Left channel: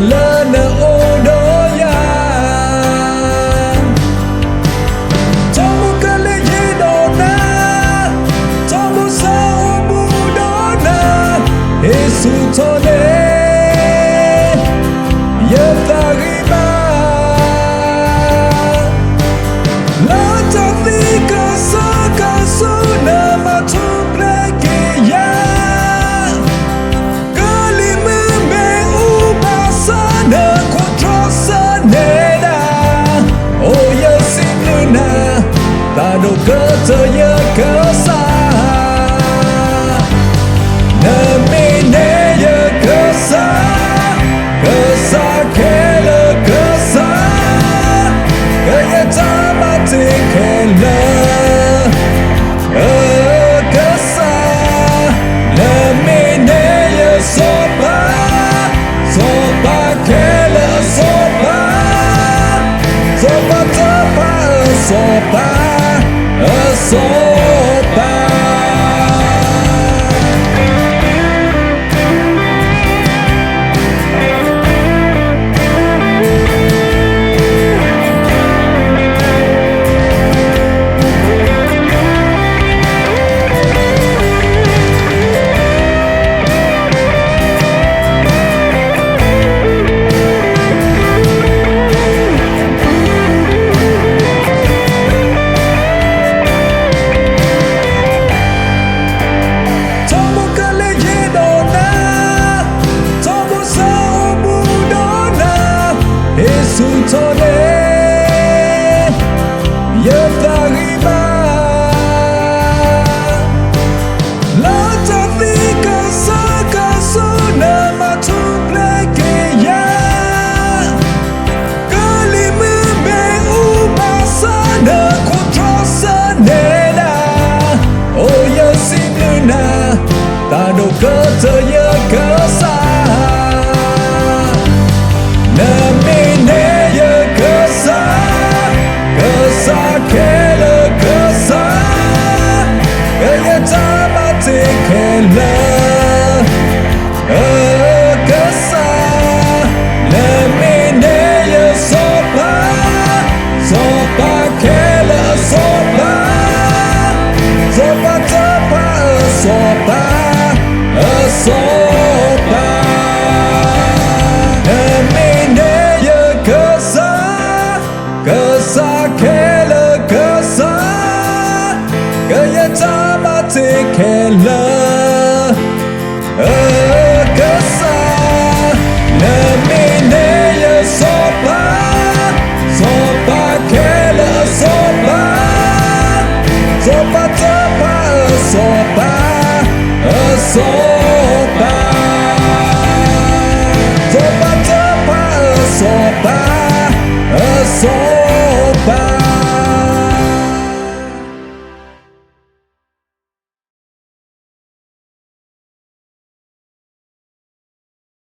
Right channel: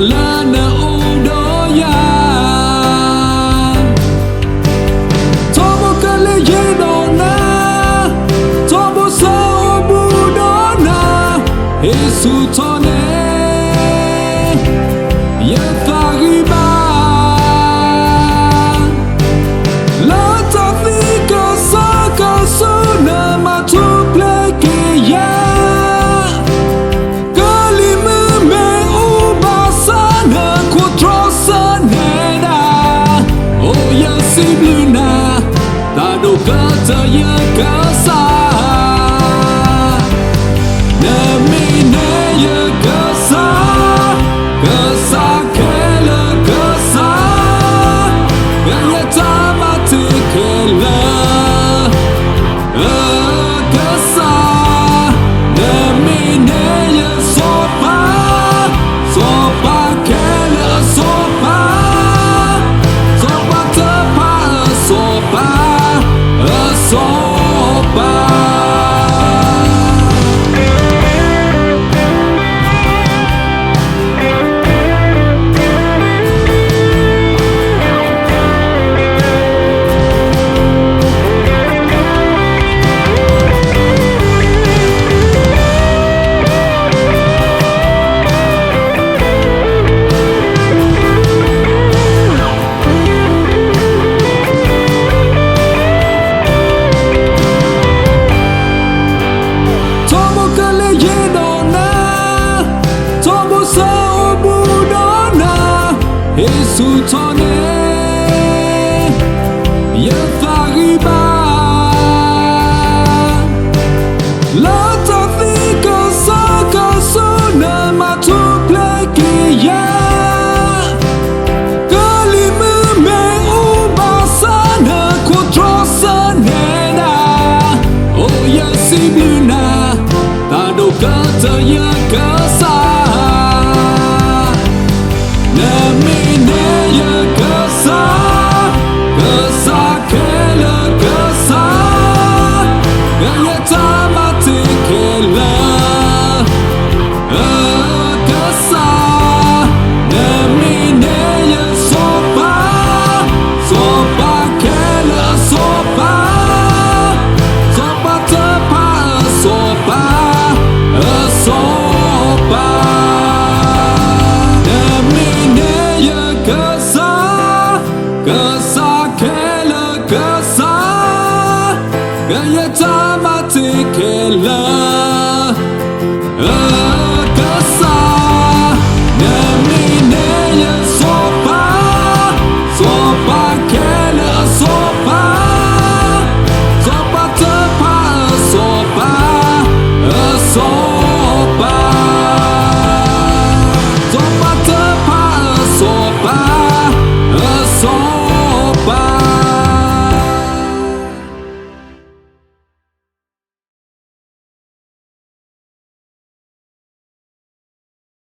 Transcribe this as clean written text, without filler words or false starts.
lana odoya Tomo kale yenona Tomo sao budona Esu tone Ye fariba La tafika saka suna matuple kiya Tado kerja kesah Demi naya kesah Kesah kela kesah Kaya tak mati kela Kesah Demi naya sopa Sopa kela sopa Sopa tepat sopa sopa Sutone Ye fariba La tafika saka suna matuple kiya Kalimu me ubasana kutrosa neda Oh ya si bluna Tado kata ya kesah Kesah kela kesah Kaya tak mati kela